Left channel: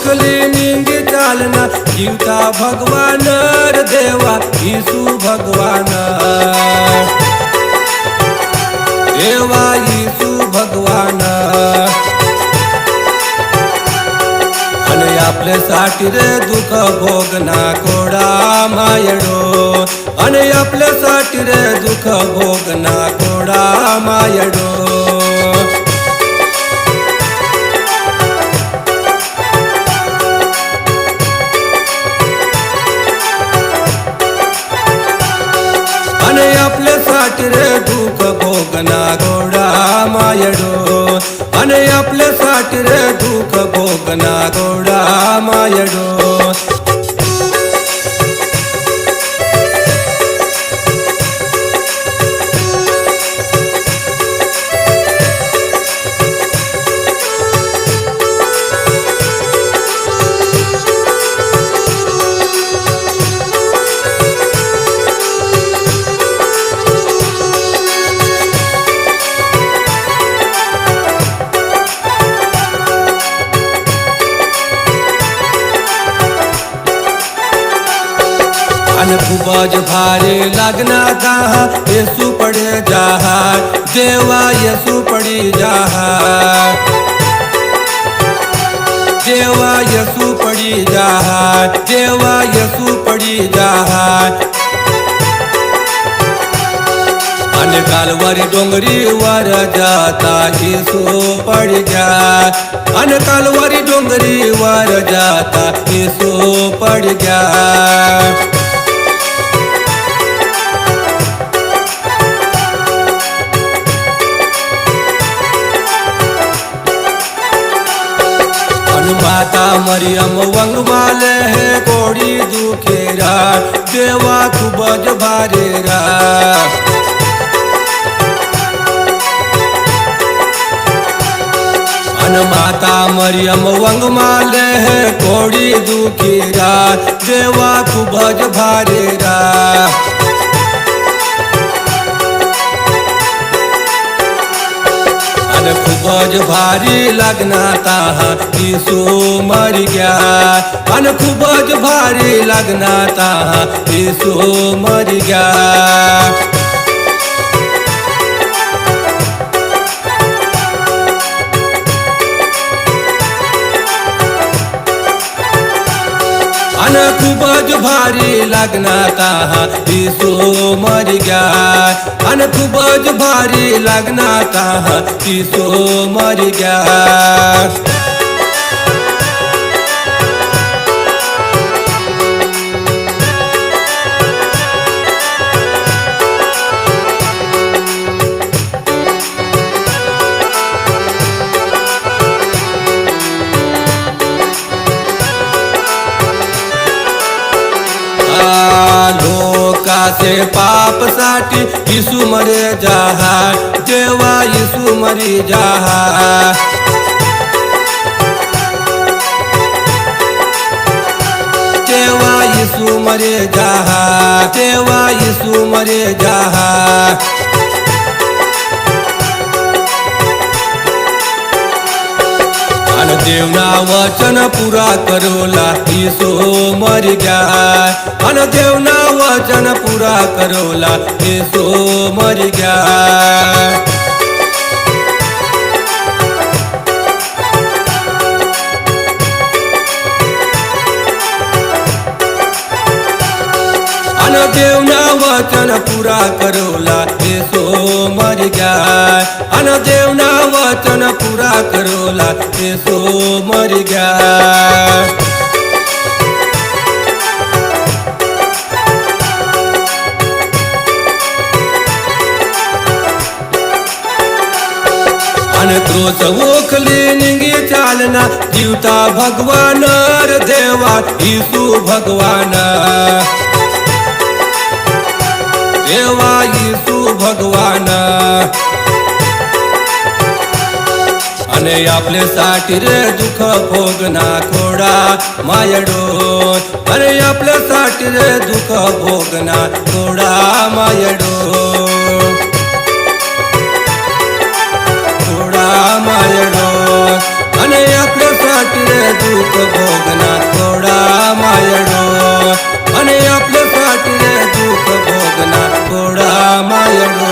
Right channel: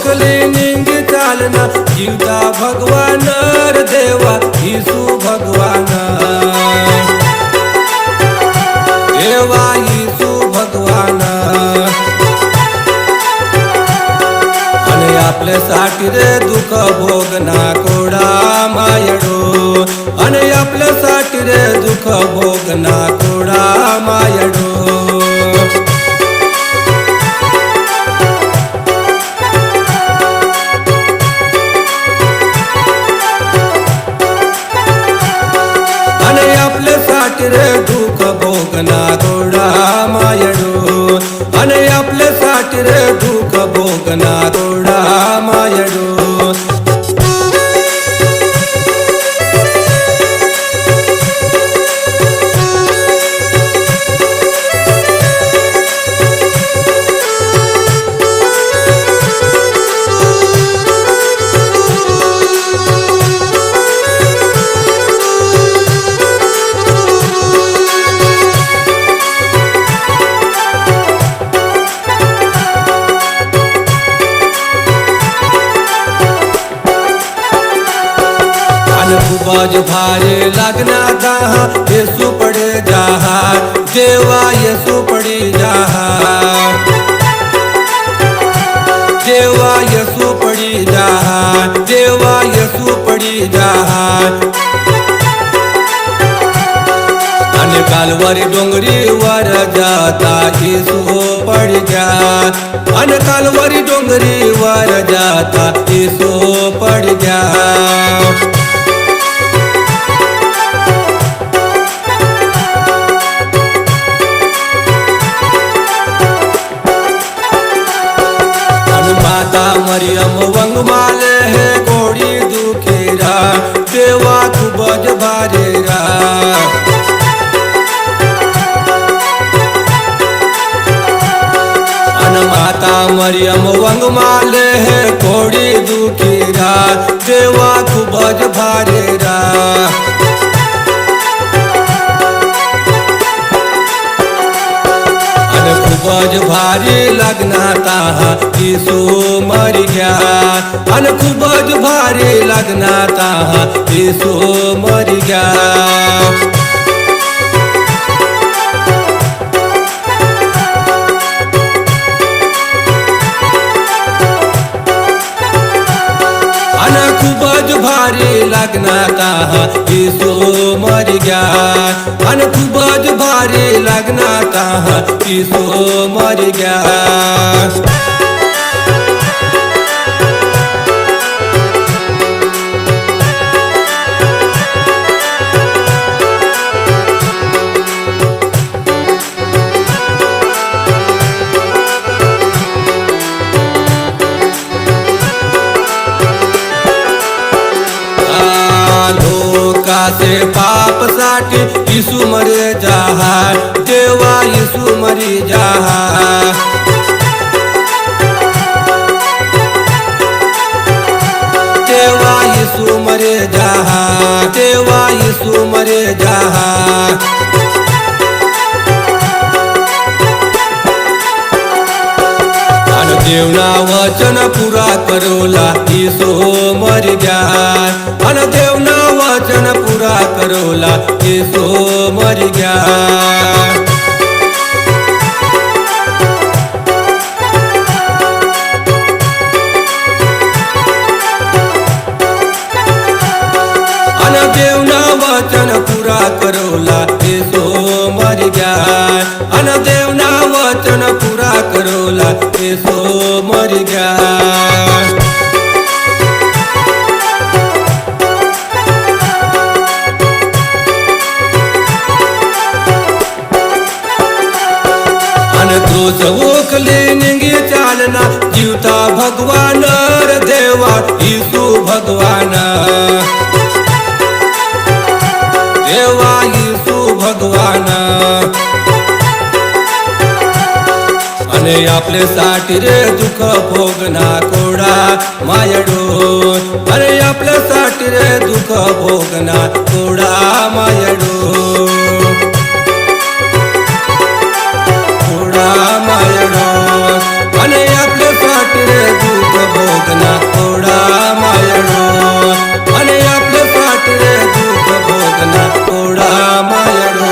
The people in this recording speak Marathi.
ओखली निंगी चालना जीवता भगवान रे देवा येसू भगवान देवा येसू भगवान आणि आपल्यासाठी रे दुःख भोगना कोडा मायडो आणि आपल्यासाठी रे दुःख भोगना कोडा मायडो आणि आपल्यासाठी रे दुःख भोगना गोडा मायडो आणि आपल्यासाठी रे दुःख भोगना गोडा मायडो आणि खूपच भारी लागना दहा येसू पडे जहा देवा येसू पडी जहा देवा येसू पडी जहा देवा येसू पडी जहा आणि कालवारी डोंगरी वर जाता येसू पडी गया आणि कालवारी डोंगरी वर जाता येसू पडी गया माता मरियम वंग माले है कोड़ी दुखेरा देवा खूबज भारेरा अन माता मरियम वंग माले है कोड़ी दुखेरा देवा खूबज भारेरा आणि खूपच भारी लागना ताहा येसू मरी गया आणि खूपच भारी लागना ताहा येसू मरी गया आणि खूपच भारी लागना ताहा येसू मरी गया आणि खूपच भारी लागना ताहा येसू मरी गया लोकाचे पाप साठी येसू मरे जहा देवा येसू मरी जहा देवा येसू मरे जहा देवा येसू मरे जहा आणि देवना वचन पुरा करोला येसू मरी गया आणि देवना वचन पुरा करोला येसू मरी गया आणि देवना वचन पुरा करोला येसू मरी गया आणि देवना वचन पुरा करोला येसू मरी गया आणि क्रोस ओखली निंगी चालना जीवता भगवान रे देवा येसू भगवान देवा येसू भगवान आणि आपल्यासाठी रे दुःख भोगना कोडा मायडो आणि आपल्यासाठी रे दुःख भोगना कोडा मायडो कोडा मायडो आणि आपल्यासाठी रे दुःख भोगना थोडा मायडो आणि आपल्यासाठी रे दुःख भोगना थोडा मायडो